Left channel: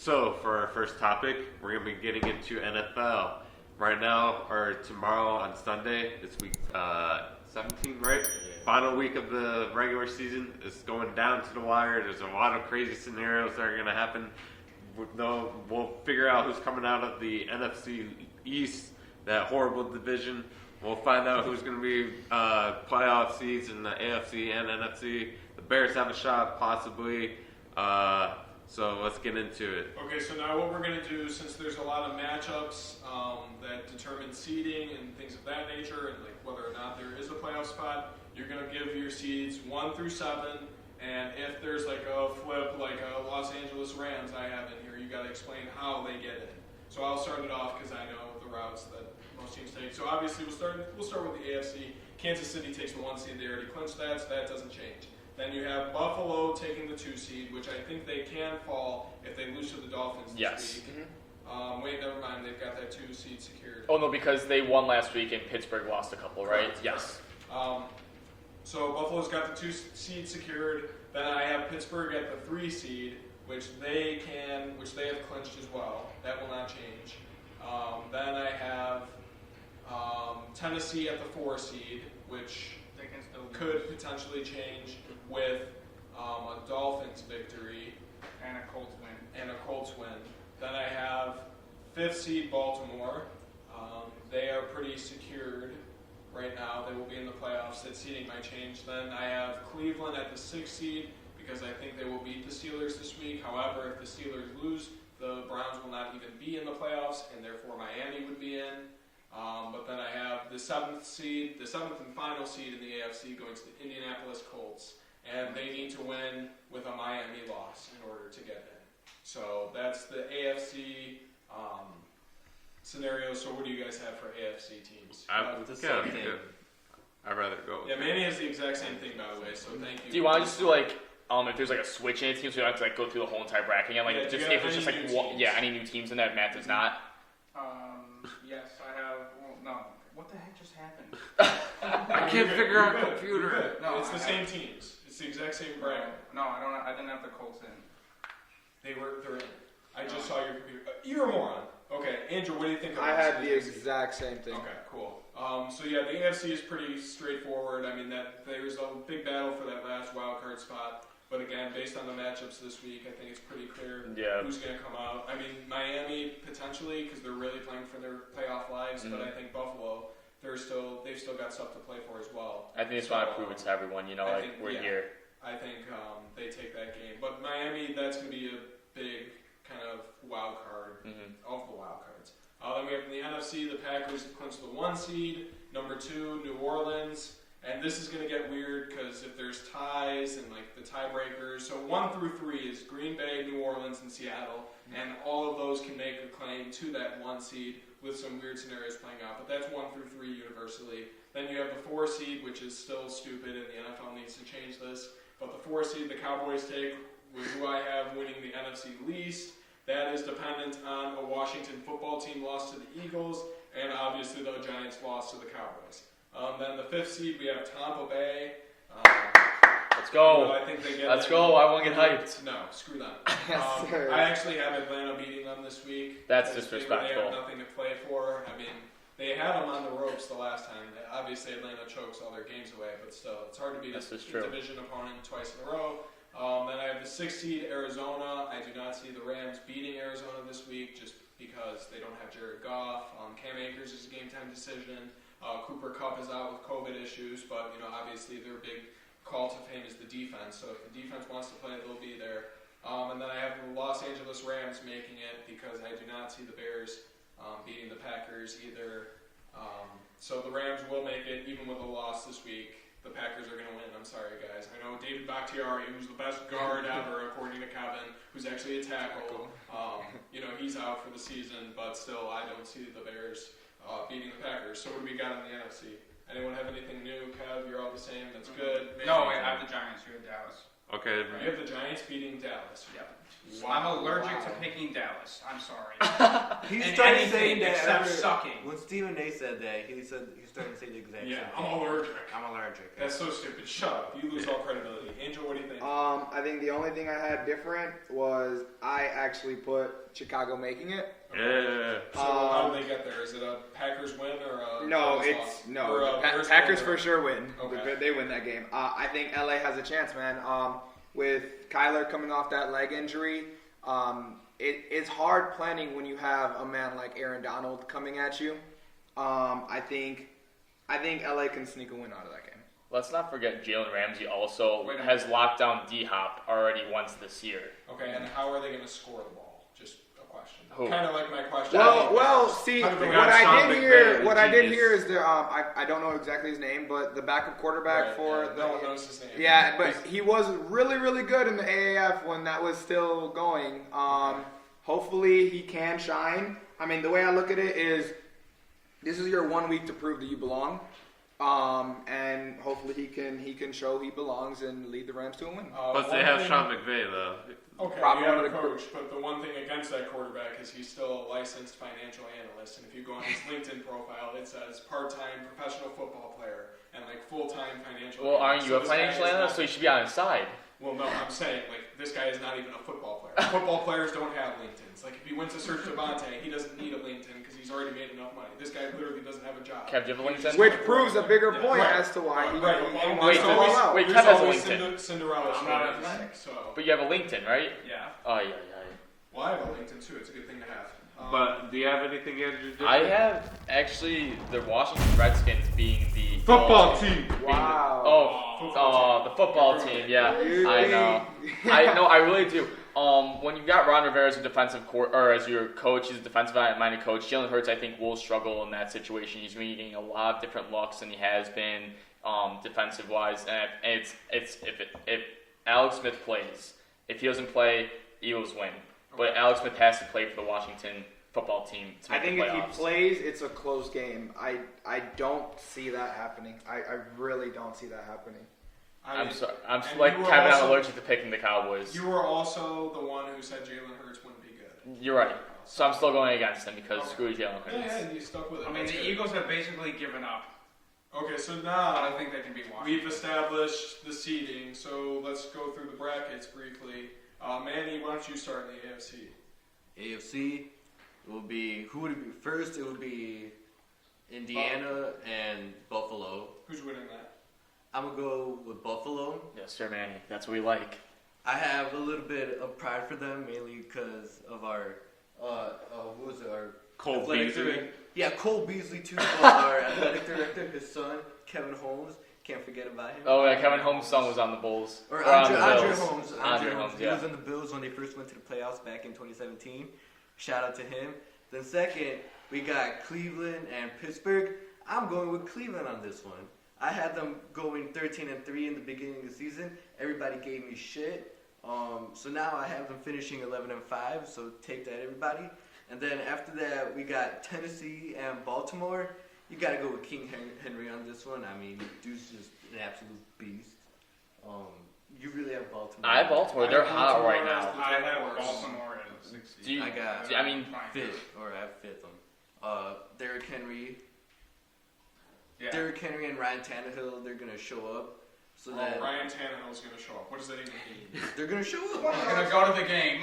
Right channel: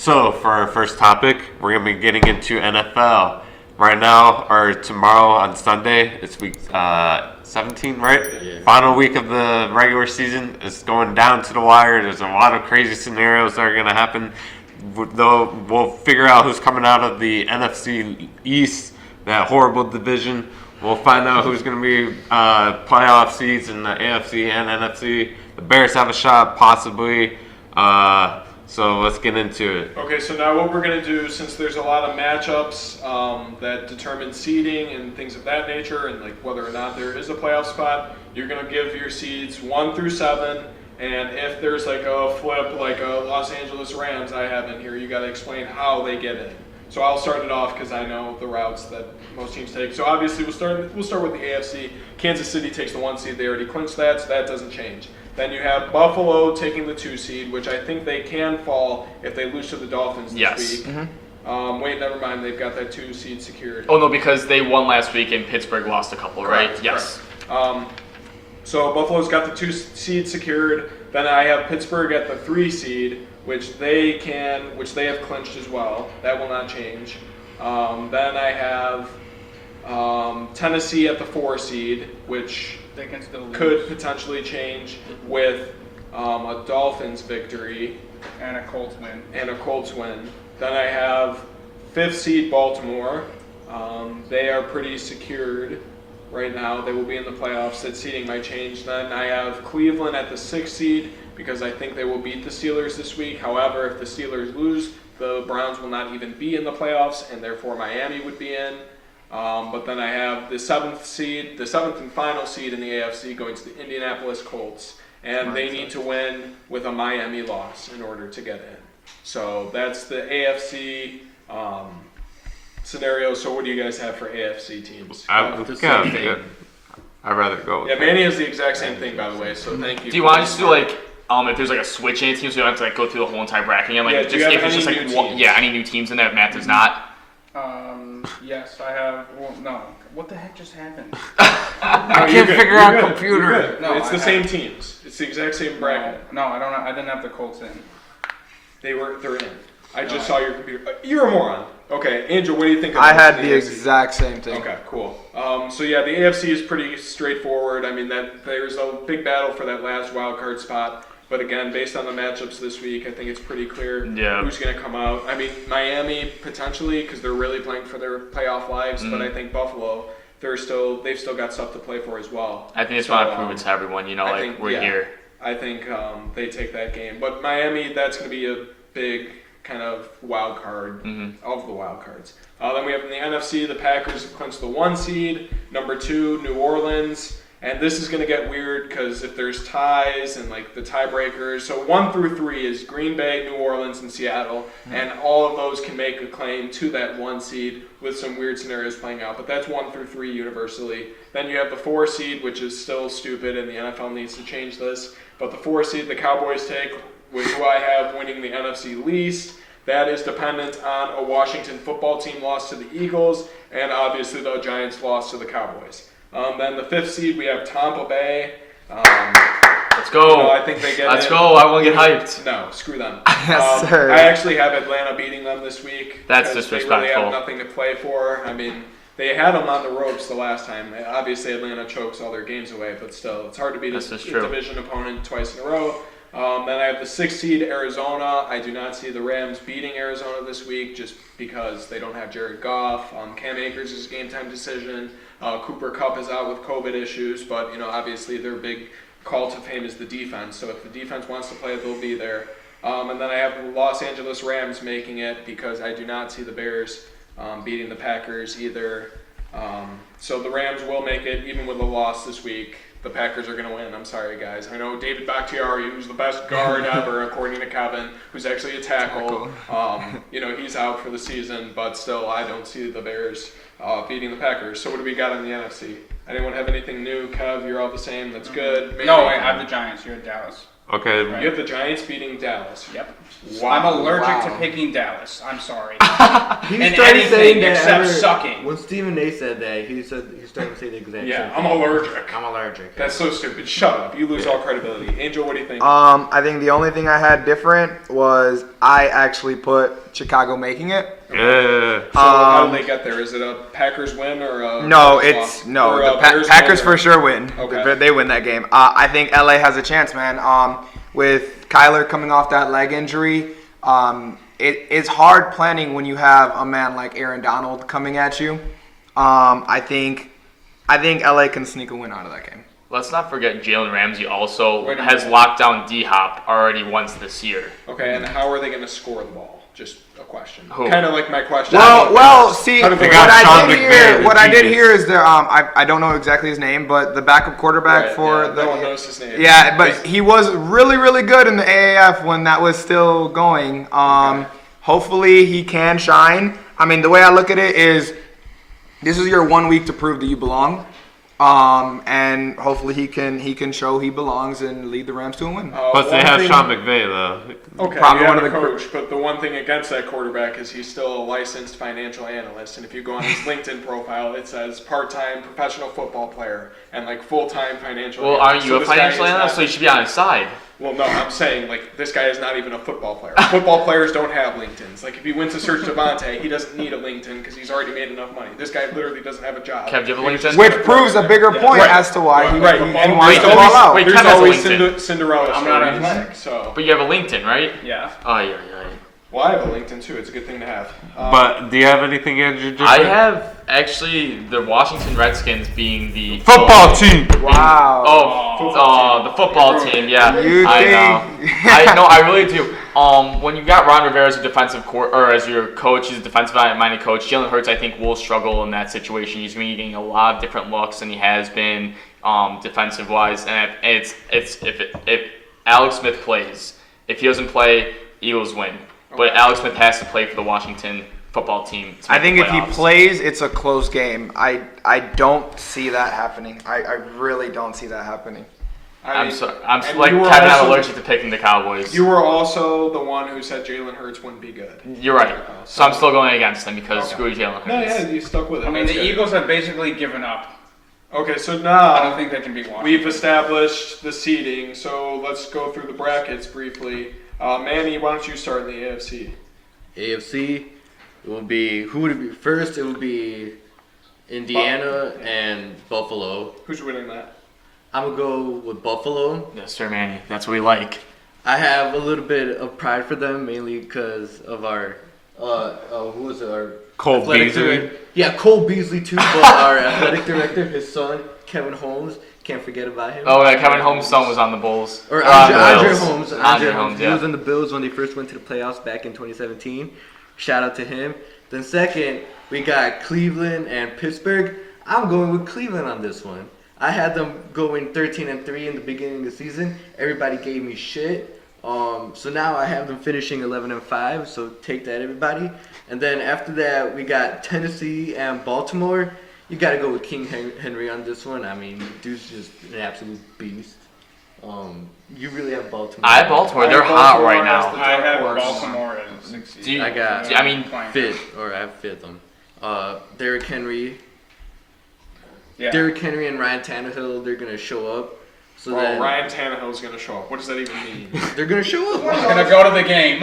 So, for our first topic, we're going to be getting into NFL. Right now, or tomorrow on Sunday, it's week 17, right? Yeah. Final week of the regular season. It's going down to the wire. There's a lot of crazy scenarios that are going to happen. Though we'll figure out who's coming out of the NFC East, that horrible division. We'll find out who's going to be playoff seeds in the AFC and NFC. The Bears have a shot, possibly. So let's get into it. Okay, so now what we're going to do, since there's a lot of matchups that determine seeding and things of that nature, and like whether or not there is a playoff spot, you're going to give your seeds 1 through 7. And if there's like a flip, like a Los Angeles Rams I have in here, you got to explain how they get in. So I'll start it off because I know the routes that most teams take. So obviously we'll start with the AFC. Kansas City takes the 1 seed. They already clinched that, so that doesn't change. Then you have Buffalo taking the 2 seed, which I think they can fall if they lose to the Dolphins this week. Mm-hmm. Wait, never mind. They've got that 2 seed secured. Oh, no, because they won last week and Pittsburgh lost a couple, Correct, right? Yes. So Buffalo's got the 2 seed secured. Then I have Pittsburgh at the 3 seed, which they have clinched as well. That will not change. Then I have Tennessee at the 4 seed, which They can still lose. could potentially change with a Dolphins victory And a Colts win. Then I have 5th seed Baltimore. They are pretty secured right now. They will be in the playoffs. That seeding might change. Then I have Cleveland at the 6th seed because I think they will beat the Steelers this week. However, if the Steelers lose, the Browns will not even be in the playoffs, and therefore Miami would be in. But then I have the 7th seed, the 7th and final seed in the AFC going to the Indianapolis Colts. And they need to win with a Miami loss in order to get in. So that's the AFC scenario. So what do you guys have for AFC teams? I'd rather go with Yeah, Manny has the exact same thing, by the way, so thank you. Do you want to just do like, if there's like a switch in teams, so you don't have to like go through the whole entire bracket again? Like, Yeah, just, do you have if it's any just like new one, teams? yeah, any new teams in there, Matt does not. Yes, I have. Well, no. What the heck just happened? I can't figure out computer. No, it's the I- same teams. It's the exact same bracket. No, I don't. I didn't have the Colts in. They're in. I just saw your computer. You're a moron. Okay, Andrew, what do you think of I had the the AFC? exact same thing. Okay, cool. So yeah, the AFC is pretty straightforward. I mean, that there's a big battle for that last wild card spot. But again, based on the matchups this week, I think it's pretty clear who's going to come out. I mean, Miami potentially because they're really playing for their playoff lives. But I think Buffalo, they've still got stuff to play for as well. I think it's want to prove it to everyone, we're here. I think they take that game. But Miami, that's going to be a big kind of wild card of the wild cards. Then we have in the NFC, the Packers clinched the 1 seed. Number 2, New Orleans. And this is going to get weird because if there's ties and like the tiebreakers, so 1 through 3 is Green Bay, New Orleans, and Seattle, and all of those can make a claim to that 1 seed with some weird scenarios playing out. But that's 1 through 3 universally. Then you have the 4 seed, which is still stupid, and the NFL needs to change this. But the 4 seed, the Cowboys take, who I have winning the NFC least. That is dependent on a Washington football team loss to the Eagles, and obviously the Giants loss to the Cowboys. Then the 5th seed, we have Tampa Bay. Let's go. I think they get Let's in. go. I want to get hyped. No, screw them. Yes, sir. I actually have Atlanta beating them this week. That's because disrespectful. They really have nothing to play for. I mean, they had them on the ropes the last time. Obviously, Atlanta chokes all their games away, but still, it's hard to beat a division opponent twice in a row. Then I have the 6th seed, Arizona. I do not see the Rams beating Arizona this week just because they don't have Jared Goff. Cam Akers is a game-time decision. Cooper Kupp is out with COVID issues, but obviously their big call to fame is the defense. So if the defense wants to play, they'll be there. And then I have the Los Angeles Rams making it because I do not see the Bears beating the Packers either. So the Rams will make it even with a loss this week. The Packers are going to win. I'm sorry, guys. I know David Bakhtiari, who's the best guard ever, according to Kevin, who's actually a tackle. He's out for the season, but still, I don't see the Bears beating the Packers. So what do we got in the NFC? Anyone have anything new? Kev, you're all the same. That's good. No, I have the Giants. You're at Dallas. Okay. You have the Giants beating Dallas. Yep. Wow. I'm allergic Wow. to picking Dallas. I'm sorry. He And started anything saying that except ever- sucking. When Stephen A. said that, he started to say the exact Yeah, same I'm thing. allergic. I'm allergic. That's so stupid. Shut up. You lose all credibility. Angel, what do you think? I think the only thing I had different was I actually put Chicago making it. Yeah. So how do they get there? Is it a Packers win or a No, Bears it's loss? no. Or The a Bears Packers win for or- sure win. Okay. They win that game. I think LA has a chance, man. With Kyler coming off that leg injury, it's hard planning when you have a man like Aaron Donald coming at you. I think LA can sneak a win out of that game. Let's not forget Jalen Ramsey also Wait a has minute. locked down D-Hop already once this year. Okay, and how are they going to score the ball? Just a question. Who? Kind of like my question. Well, see, How do they what got Sean I did McVay, hear, the what I did genius. hear is there. I don't know exactly his name, but the backup quarterback Right, for yeah, the no one knows his name. Yeah, but he was really, really good in the AAF when that was still going. Hopefully he can shine. I mean, the way I look at it is, this is your 1 week to prove that you belong. And hopefully he can show he belongs and lead the Rams to a win. Plus, they one have thing- Sean McVay, though. Okay, Probably you one have of a the coach, but the one thing against that quarterback is he's still a licensed financial analyst, and if you go on his LinkedIn profile, it says part-time professional football player and like full-time financial Well, analyst. aren't you So a this guy financial is analyst? So not- you should be on his side. Well, no, I'm saying like this guy is not even a football player. Football players don't have LinkedIn's. Like if he went to search Devontae, he doesn't need a LinkedIn because he's already made enough money. This guy literally doesn't have a job. Kev, do you have a He's LinkedIn? just Which gonna proves a throw it. bigger Yeah. point Right. as to why he Right. and wants Wait, to ball out. wait, There's Kev has a always LinkedIn. Cinderella I'm not stories. athletic. So, But you have a LinkedIn, right? Yeah. Oh, yeah. well, I have a LinkedIn too. It's a good thing to have. But do you have anything, Andrew? I have actually the Washington Redskins being the Football team. Wow. the football team. Yeah, You I know. think- I really do. When you got Ron Rivera as a defensive or as your coach, he's a defensive-minded coach. Jalen Hurts, I think, will struggle in that situation. He's going to be getting a lot of different looks than he has been defensive-wise. And if Alex Smith plays, if he doesn't play, Eagles win. But Alex Smith has to play for the Washington football team. To I make think the if he playoffs. plays, it's a close game. I don't see that happening. I really don't see that happening. I I'm mean, sorry. I'm and like you Kevin. were I'm also- allergic to picking the Cowboys. You were also the one who said Jalen Hurts wouldn't be good. You're right. So I'm still going against them because Okay. screw Jalen Hurts. No, yeah, you stuck with it. I mean, That's the good. Eagles have basically given up. Okay, so I don't now think they can beat Washington. we've established the seeding, so let's go through the brackets briefly. Manny, why don't you start in the AFC? AFC, it will be, who would it be? First, it would be Indiana and Buffalo. Who's winning that? I'm going to go with Buffalo. Yes, sir, Manny. That's what we like. I have a little bit of pride for them, mainly because of our, who was it? Our Cole athletic Beasley. director. Yeah, Cole Beasley too, but our athletic director, his son, Kevin Holmes, can't forget about him. Oh, yeah, Kevin Holmes' son was on the Bulls. Or on the Andre Bills. Holmes. Andre Holmes, He yeah. was in the Bills when they first went to the playoffs back in 2017. Shout out to him. Then second, we got Cleveland and Pittsburgh. I'm going with Cleveland on this one. I had them going 13-3 in the beginning of the season. Everybody gave me shit. So now I have them finishing 11-5. So take that, everybody. And then after that, we got Tennessee and Baltimore. You got to go with King Henry on this one. I mean, dude's just an absolute beast. You really have Baltimore. I have Baltimore. They're hot right now. I have Horse. Baltimore in 6 Do you- I got. I mean, Fifth, or I have fifth them. Derrick Henry. Yeah. Derrick Henry and Ryan Tannehill, they're gonna show up. So Well, then Ryan Tannehill's going to show up. What does that even mean? they're gonna show up. He's gonna go to the game.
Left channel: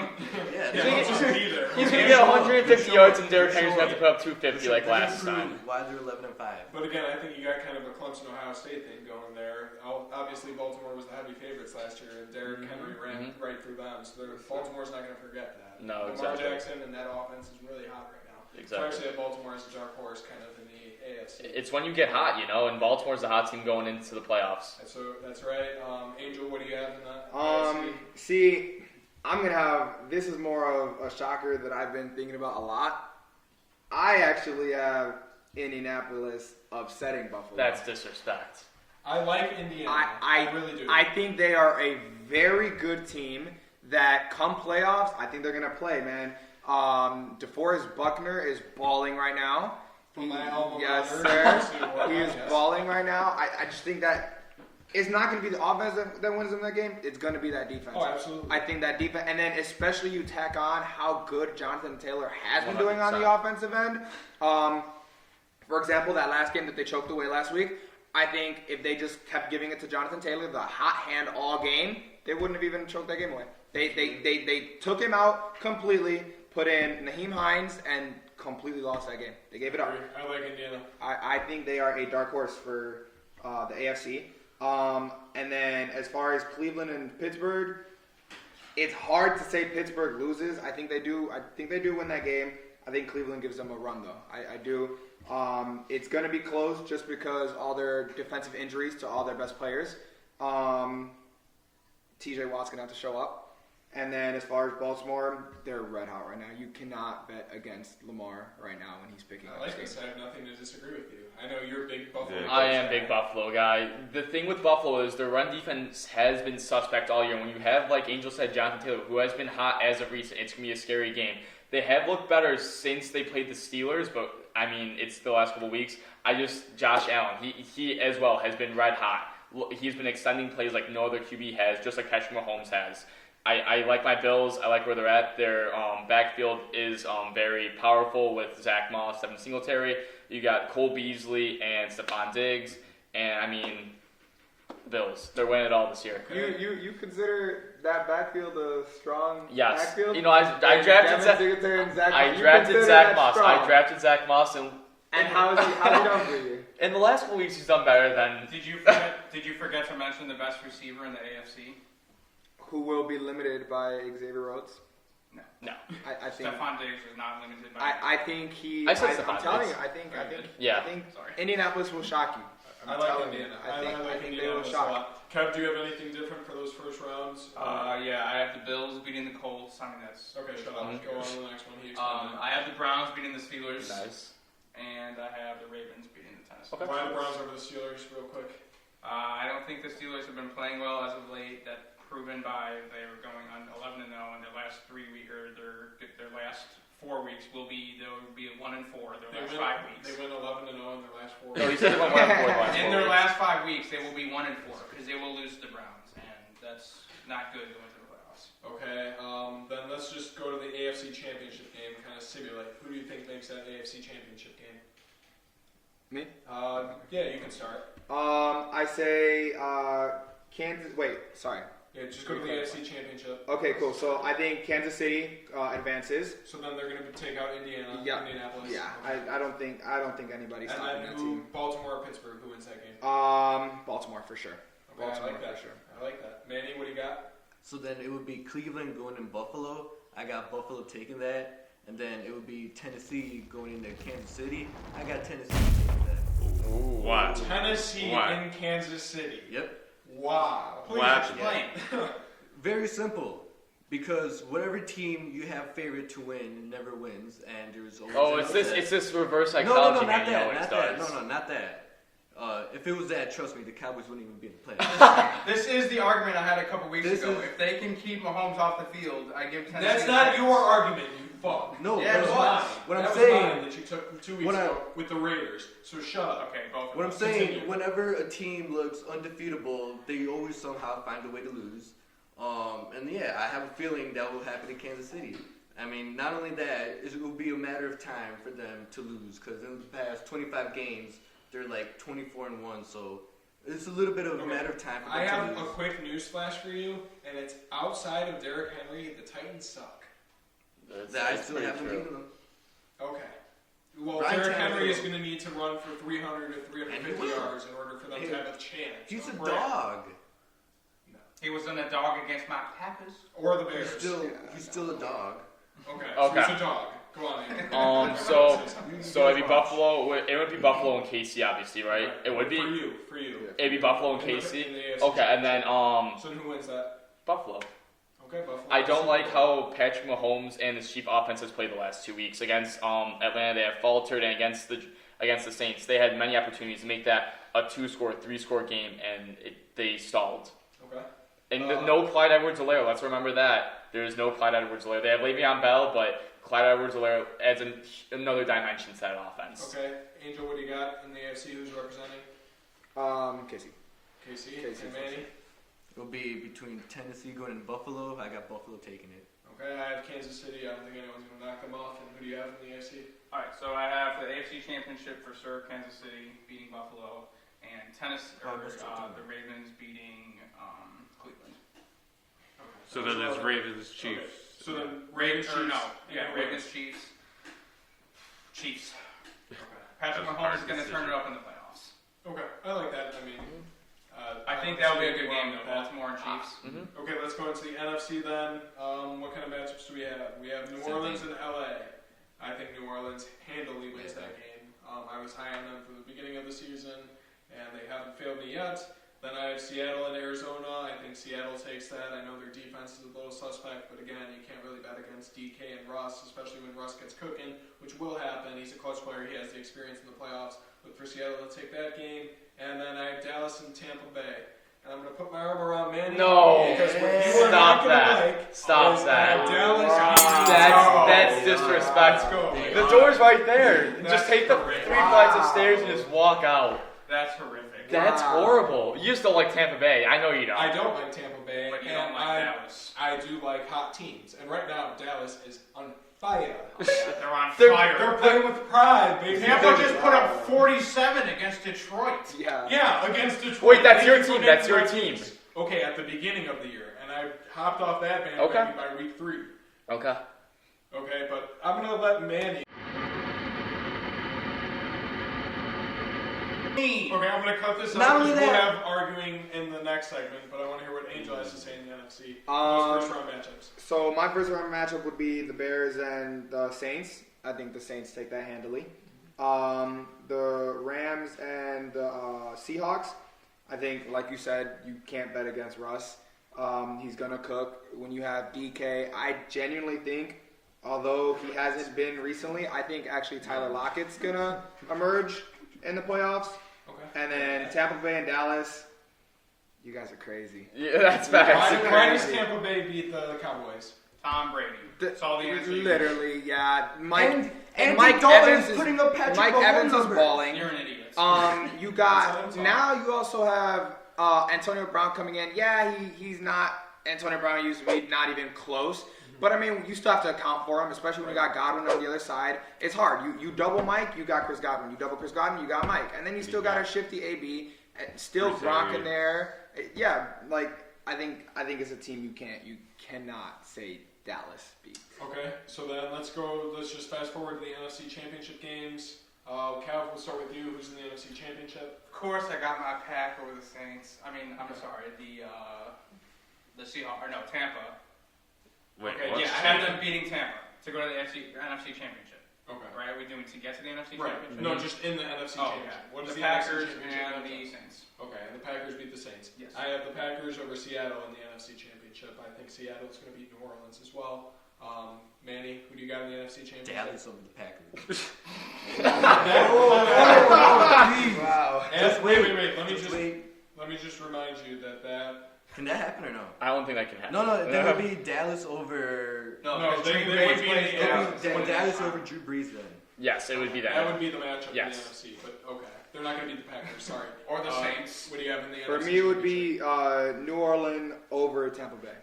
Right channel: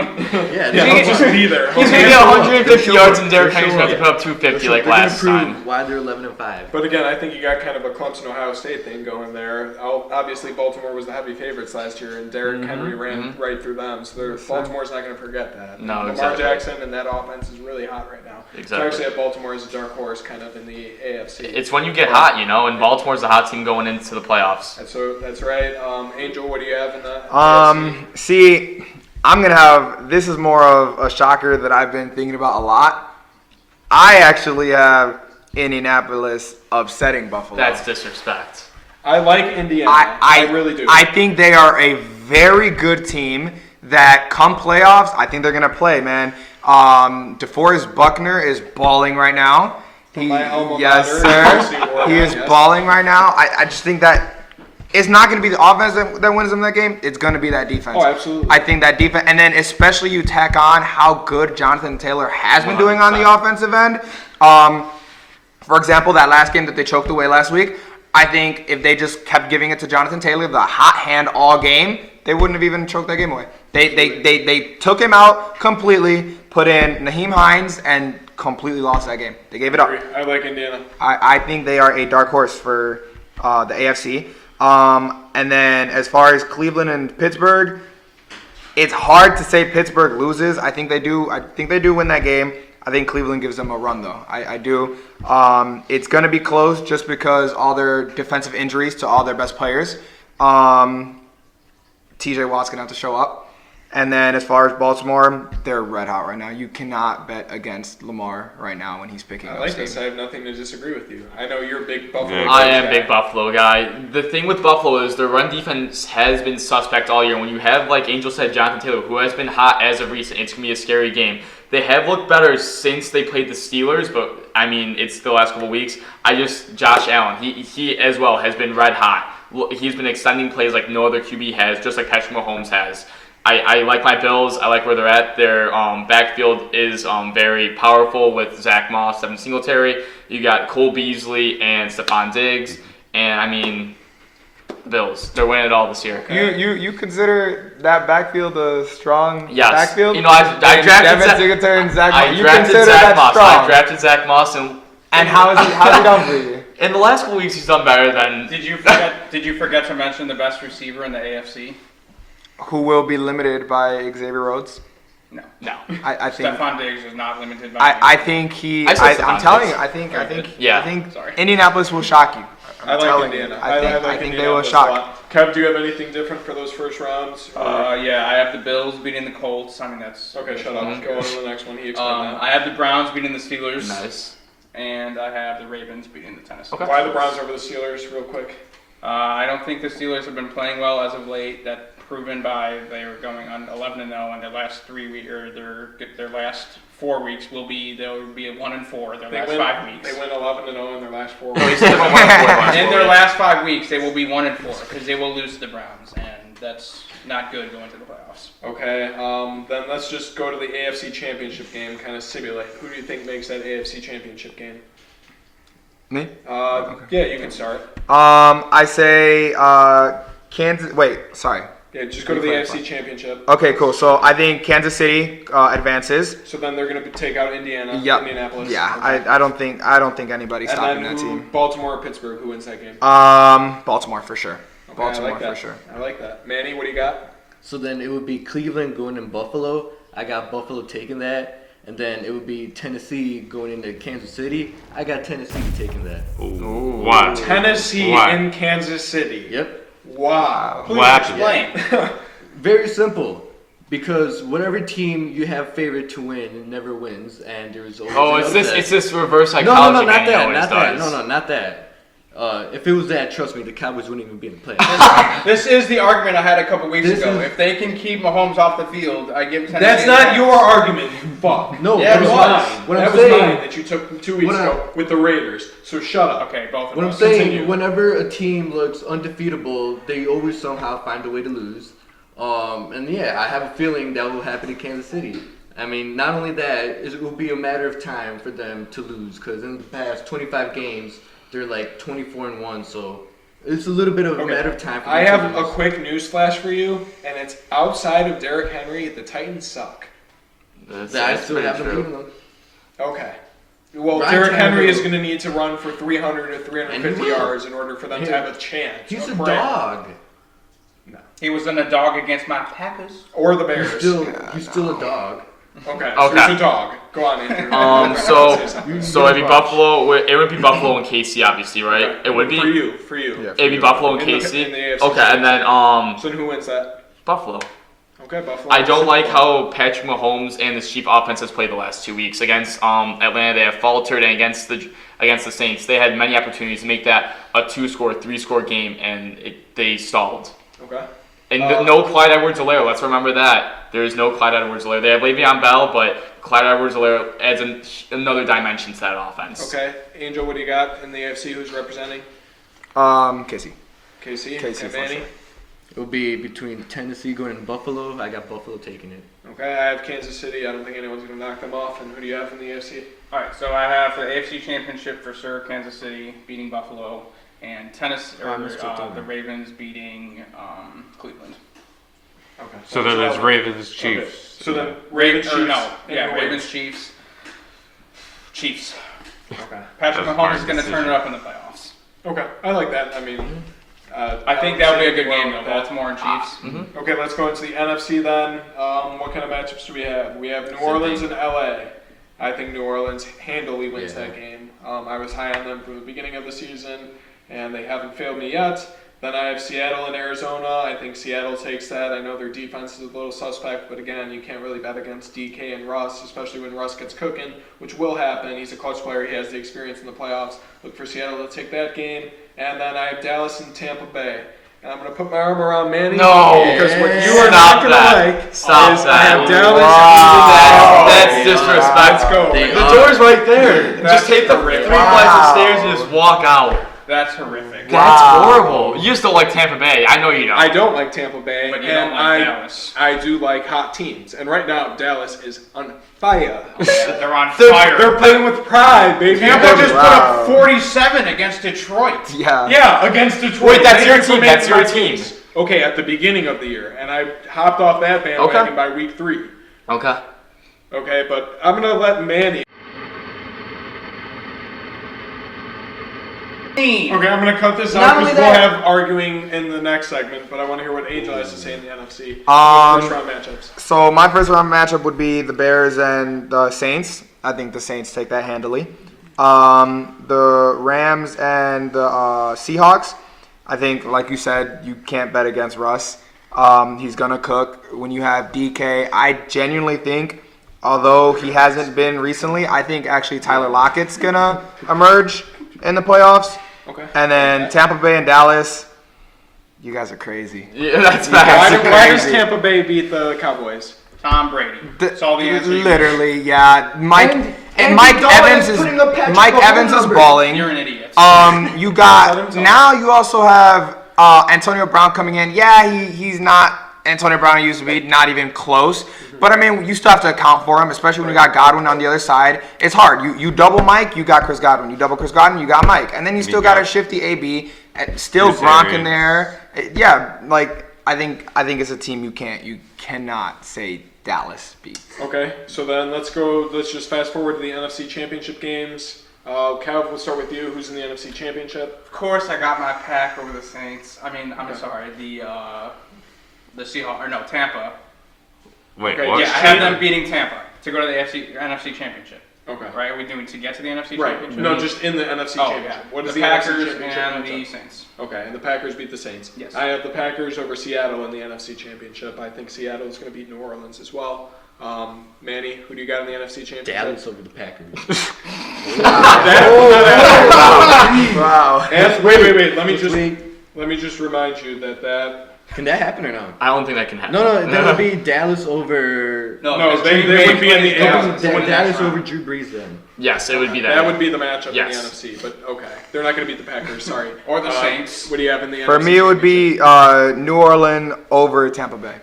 Yeah, Yeah, he'll just be there. He's Okay. going to get 150 yards and Derrick They're Henry's going to showing put up 250 They're like gonna last prove time. why they're 11-5. But again, I think you got kind of a Clemson Ohio State thing going there. Obviously, Baltimore was the heavy favorites last year, and Derrick Henry ran right through them. So Baltimore's not going to forget that. No, Lamar exactly. Jackson and that offense is really hot right now. Exactly. So I actually have Baltimore as a dark horse, kind of in the AFC. It's when you get hot, you know, and Baltimore's the hot team going into the playoffs. That's right. Angel, what do you have in the AFC? See, I'm gonna have. This is more of a shocker that I've been thinking about a lot. I actually have Indianapolis upsetting Buffalo. That's disrespect. I like Indiana. I really do. I think they are a very good team that come playoffs, I think they're going to play, man. DeForest Buckner is balling right now. From my alma Yes, mater, sir. UC Oregon, He is yes. balling right now. I just think that it's not going to be the offense that wins them that game. It's going to be that defense. Oh, absolutely. I think that defense, and then especially you tack on how good Jonathan Taylor has been doing on the offensive end. For example, that last game that they choked away last week, I think if they just kept giving it to Jonathan Taylor, the hot hand all game, they wouldn't have even choked that game away. They took him out completely, put in Naheem Hines, and completely lost that game. They gave it up. I like Indiana. I think they are a dark horse for the AFC. And then as far as Cleveland and Pittsburgh, it's hard to say Pittsburgh loses. I think they do. I think they do win that game. I think Cleveland gives them a run, though. I do. It's going to be close just because all their defensive injuries to all their best players. TJ Watt's going to have to show up. And then as far as Baltimore, they're red hot right now. You cannot bet against Lamar right now when he's picking up. I like this. I have nothing to disagree with you. I know you're a big Buffalo Yeah. guy. I am a big Buffalo guy. The thing with Buffalo is their run defense has been suspect all year. When you have, like Angel said, Jonathan Taylor, who has been hot as of recent, it's going to be a scary game. They have looked better since they played the Steelers, but, I mean, it's the last couple weeks. Josh Allen, he as well has been red hot. He's been extending plays like no other QB has, just like Patrick Mahomes has. I like my Bills. I like where they're at. Their backfield is very powerful with Zach Moss, Devin Singletary. You got Cole Beasley and Stephon Diggs. And, I mean, Bills. They're winning it all this year. You consider that backfield a strong Yes. backfield? You know, I drafted Devin Singletary and Zach Moss. I You drafted consider Zach that Moss. strong. I drafted Zach Moss. And how's he done for you? In the last couple weeks, he's done better than... Did you forget to mention the best receiver in the AFC? Who will be limited by Xavier Rhodes? No. No. I think Stephon Diggs is not limited by. I think he. I said I'm Stephon telling Diggs. you. I think Sorry. Indianapolis will shock you. I like Indiana. I think they will Indianapolis a shock. lot. Kev, do you have anything different for those first rounds? Yeah, I have the Bills beating the Colts. I mean, that's Okay, shut up. Go on to the next one. He explained that. I have the Browns beating the Steelers. Nice. And I have the Ravens beating the Tennessee. Okay. Why the Browns over the Steelers, real quick? I don't think the Steelers have been playing well as of late. That proven by they were going on 11-0, and their last 3 weeks or their last 4 weeks they'll be at 1-4. Their last 5 weeks. They win 11-0 in their last 4 Oh, he weeks. said they went 1-4 In their last 5 weeks, they will be 1-4 because they will lose to the Browns, and that's not good going to the playoffs. Okay, then let's just go to the AFC Championship game, kind of simulate. Who do you think makes that AFC Championship game? Me? Yeah, you can start. I say Kansas. Wait, sorry. Yeah, just go to the AFC Championship. Okay, cool. So I think Kansas City advances. So then they're going to take out Indiana, Yep. Indianapolis. Yeah, Okay. I don't think anybody's And stopping then that team. Baltimore or Pittsburgh, who wins that game? Baltimore for sure. Okay, Baltimore I like that. for sure. I like that. Manny, what do you got? So then it would be Cleveland going in Buffalo. I got Buffalo taking that. And then it would be Tennessee going into Kansas City. I got Tennessee taking that. Why? Tennessee Why? in Kansas City. Yep. Wow. Please What happened? explain. Very simple. Because whatever team you have favored to win never wins, and there's always Oh, an it's this. upset. It's this reverse No, psychology. not man, he that, always not that. does. No, not that. If it was that, trust me, the Cowboys wouldn't even be in the playoffs. This is the argument I had a couple weeks This ago. is- If they can keep Mahomes off the field, I give Tennessee. That's a not chance. your argument, you fuck. No, Yeah, That was it mine. was. What that I'm was saying- mine that you took 2 weeks What ago with the Raiders. So shut up. Okay, both of What I'm us. saying, Continue. whenever a team looks undefeatable, they always somehow find a way to lose. And yeah, I have a feeling that will happen in Kansas City. I mean, not only that, it will be a matter of time for them to lose, because in the past 25 games, they're like 24-1, so it's a little bit of a matter of time for them I to have lose. a quick news flash for you, and it's outside of Derrick Henry, the Titans suck. I still haven't beaten them. Okay. Well, Ryan Derrick Henry Tannehill- is going to need to run for 300 or 350 And he will. yards in order for them to have a chance. He's a of winning. dog. He was in a dog against my Packers. Or the Bears. He's still a dog. Okay, so Okay. he's a dog. Go on, Andrew. So it'd be Buffalo. It would be Buffalo and KC, obviously, right? Okay. It would be. For you. Yeah. It'd be Buffalo and In the- KC. in the AFC Okay, and then So who wins that? Buffalo. Okay, Buffalo. I don't Super like Bowl. how Patrick Mahomes and this Chief offense has played the last 2 weeks against Atlanta. They have faltered, and against the Saints, they had many opportunities to make that a 2-score, 3-score game, and they stalled. Okay. And no Clyde Edwards-Helaire. Let's remember that. There is no Clyde Edwards-Helaire. They have Le'Veon Bell, but Clyde Edwards-Helaire adds another dimension to that offense. Okay. Angel, what do you got in the AFC? Who's representing? Casey. KC. KC Okay, for Manny. sure. It will be between Tennessee going and Buffalo. I got Buffalo taking it. Okay, I have Kansas City. I don't think anyone's going to knock them off. And who do you have in the AFC? All right, so I have the AFC Championship for sure. Kansas City beating Buffalo, and the Ravens beating Cleveland. Okay. So then it's Ravens, Chiefs. Okay. So then Ravens, Chiefs. Ravens, Chiefs. Chiefs. Okay. Patrick That's a Mahomes hard is going to turn decision. it up in the playoffs. Okay, I like that. I mean, I think that would be a good game, though. with that. Baltimore and Chiefs. Okay, let's go into the NFC then. What kind of matchups do we have? We have New Orleans and LA. I think New Orleans handily wins that game. I was high on them from the beginning of the season, and they haven't failed me yet. Then I have Seattle and Arizona. I think Seattle takes that. I know their defense is a little suspect, but again, you can't really bet against DK and Russ, especially when Russ gets cooking, which will happen. He's a clutch player. He has the experience in the playoffs. Look for Seattle to take that game. And then I have Dallas and Tampa Bay. And I'm going to put my arm around Manny. No. Because what you are Stop not going to that. like Stop is I that. have Dallas. Wow. That's Let's disrespectful. go. The door's right there. That's Just take the horrific. 3 flights of stairs and just walk out. That's horrific. That's Wow. horrible. You still like Tampa Bay. I know you don't. I don't like Tampa Bay, But you and don't like Dallas. I do like hot teams. And right now, Dallas is on fire. They're on They're fire. playing with pride, baby. Tampa just put Wow. up 47 against Detroit. Yeah. Yeah, against Detroit. Wait, that's Thank your you for team. making That's your my team. case. Okay, at the beginning of the year, and I hopped off that bandwagon by week 3. Okay. Okay, but I'm gonna let Manny. Okay, I'm gonna cut this Not out only because we'll that- have arguing in the next segment. But I want to hear what Angel has to say in the NFC. First round matchups. So my first round matchup would be the Bears and the Saints. I think the Saints take that handily. The Rams and the Seahawks. I think, like you said, you can't bet against Russ. He's gonna cook. When you have DK, I genuinely think, although he hasn't been recently, I think actually Tyler Lockett's gonna emerge in the playoffs. Okay. And then Tampa Bay and Dallas. You guys are crazy. Yeah, that's Why, bad. why does Tampa Bay beat the Cowboys? Tom Brady. That's all the answer. you Literally, yeah. Mike And Mike Andy Dalton Evans is is putting up Patrick Mike Mahomes Evans is numbers. balling. You're an idiot. You got now. You also have Antonio Brown coming in. Yeah, he's not Antonio Brown used to be. Not even close. But I mean, you still have to account for him, especially when you got Godwin on the other side. It's hard. You double Mike, you got Chris Godwin. You double Chris Godwin, you got Mike, and then you still got a shifty AB. Still Bruce Gronk in Arians. there. Yeah, like I think it's a team you cannot say Dallas beat. Okay, so then let's go. Let's just fast forward to the NFC Championship games. Kev, we'll start with you. Who's in the NFC Championship? Of course, I got my pack over the Saints. I mean, I'm sorry, the Seahawks, or no, Tampa. Wait, Okay, what? Yeah, I had them beating Tampa to go to the NFC Championship. Okay. Right? Are we doing to get to the NFC Right. Championship? No, just in the NFC Oh, Championship. yeah. What is the the Packers NFC Championship and the matchup? Saints. Okay, and the Packers beat the Saints. Yes. I have the Packers over Seattle in the NFC Championship. I think Seattle is going to beat New Orleans as well. Manny, who do you got in the NFC Championship? Dallas over the Packers. Wow. Wait. Let me just remind you that. Can that happen or no? I don't think that can happen. No, that would be Dallas over. No, because they Drew would Brees be in the plays Dallas. Dallas. Dallas over Drew Brees then. Yes, it would be that. That would be the matchup Yes. in the NFC. But okay, they're not going to beat the Packers. Sorry. Or the Saints. What do you have in the NFC? For me, it would be New Orleans over Tampa Bay.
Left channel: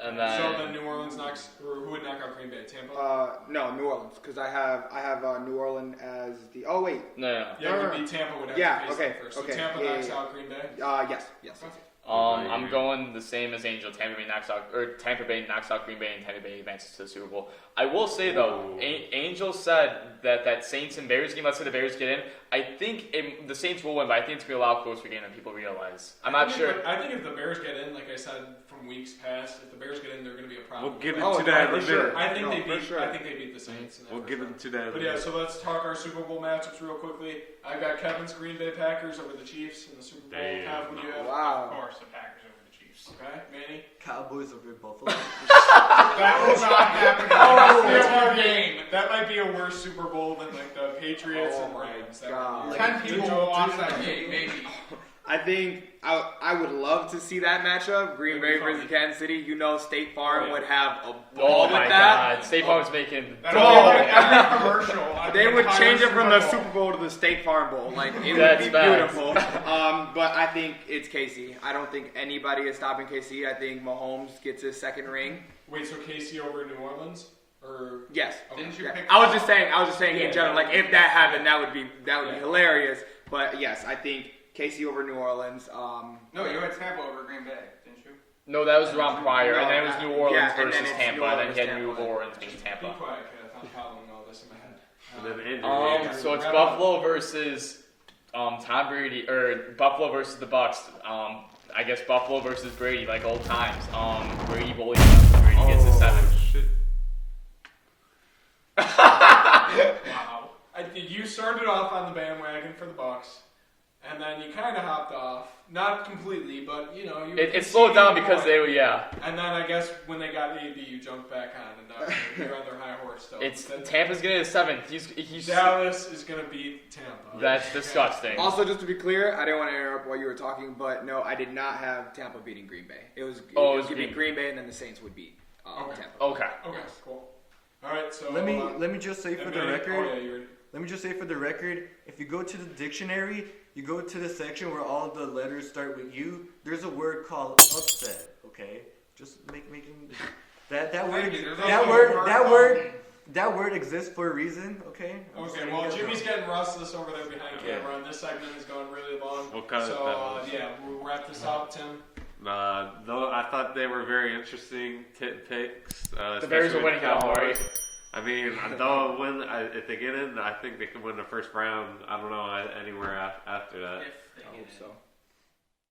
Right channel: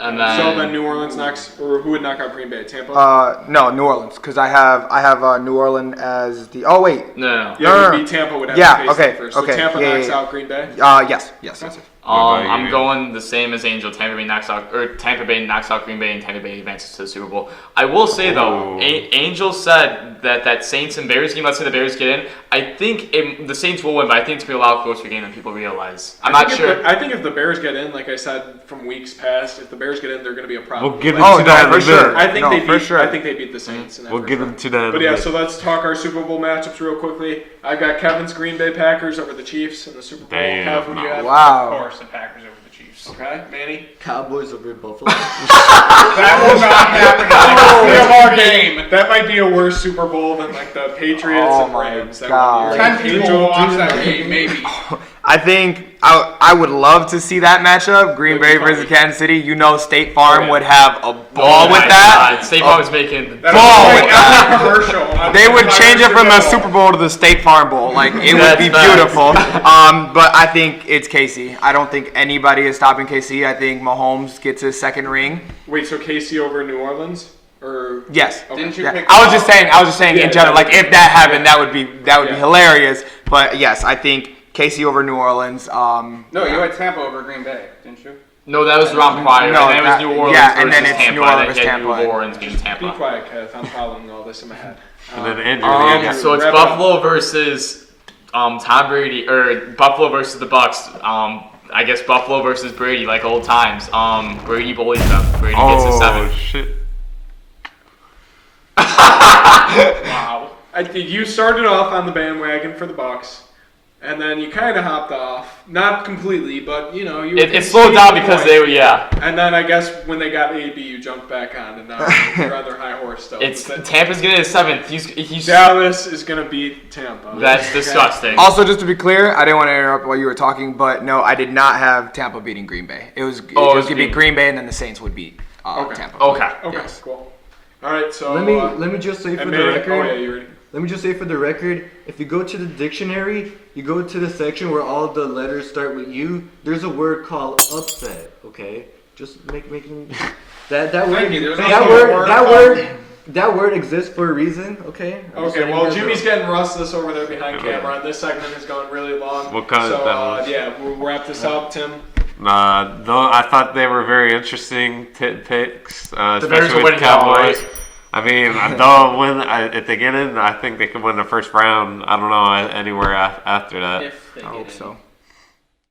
And So then New Orleans knocks, or who would knock out Green Bay? Tampa. No, New Orleans, because I have New Orleans as the. Oh wait. no. Yeah, it no, would no. be Tampa would have Yeah, to face okay, them first. So okay, Tampa yeah, knocks yeah. out Green Bay. Yes. about I'm you? going the same as Angel. Tampa Bay knocks out Green Bay, and Tampa Bay advances to the Super Bowl. I will say though, Ooh. Angel said that Saints and Bears game. Let's say the Bears get in. I think the Saints will win, but I think it's gonna be a lot closer game than people realize. I'm not sure. I think if the Bears get in, like I said from weeks past, if the Bears get in, they're going to be a problem. We'll get Oh, into that no, in for a bit. sure. I think No, they for beat. sure. I think they beat the Saints. In that We'll first get round. into that in But a yeah, bit. so let's talk our Super Bowl matchups real quickly. I've got Kevin's Green Bay Packers over the Chiefs in the Super Bowl. Damn, Kev, who do you have? Of Wow. course, the Packers over the Chiefs. Okay, Manny. Cowboys over Buffalo. That will not happen. It's our game. that might be a worse Super Bowl than like the Patriots Oh and my Rams. That God. would be 10 people will watch that game, maybe. I think I would love to see that matchup, Green Bay versus Kansas City. You know, State Farm would have a ball with that. State Farm is making That's Ball like with that. a commercial. They would change it from the Super Super Bowl to the State Farm Bowl. Like, it would That's be facts. beautiful. But I think it's KC. I don't think anybody is stopping KC. I think Mahomes gets his second ring. Wait, so KC over New Orleans? Or Yes. okay. Didn't you Yeah. pick I was just saying Yeah, in general, like, if that happened, that would be Yeah. hilarious. But yes, I think KC over New Orleans. No, you had Tampa over Green Bay, didn't you? No, that was the round prior. No, and then it was New Orleans yeah, versus and then it's Tampa. New Orleans Then versus you had Tampa. New Orleans being Be Tampa. quiet, Kev. I'm following all this in my head. And then Andrew. So it's Wrap it Buffalo versus Tom Brady, or Buffalo versus the Bucks. I guess Buffalo versus Brady, like old times. Brady bullies them. Brady gets a 7. Shit. Wow. I think you started off on the bandwagon for the Bucks, and then you kind of hopped off. Not completely, but you know you. were It slowed down conceding because the they point. were, yeah. And then I guess when they got AB, you jumped back on, and now you're on their high horse still. It's But Tampa's getting a 7th. He's Dallas is gonna beat Tampa. that's Okay? disgusting. Also, just to be clear, I didn't want to interrupt while you were talking, but no, I did not have Tampa beating Green Bay. It was Oh, it it was was gonna be Green- Green Bay, and then the Saints would beat Okay. Tampa. Okay. Okay, Yes. cool. All right, so Let me just say for and the maybe- record. Oh yeah, you ready? Let me just say for the record, if you go to the dictionary, you go to the section where all the letters start with U, there's a word called upset, okay? Just making that word Thank you. There's that also a word word that called- word that word exists for a reason, okay? I'm just Okay, letting well, you guys Jimmy's know. getting restless over there behind camera, and this segment has gone really long. We'll cut it so, down. yeah, we'll wrap this up, Tim. Though I thought they were very interesting picks, Bears especially are with winning now, Cowboys. right? I mean, though if they get in, I think they could win the first round. I don't know anywhere after that. If they I get hope in. so.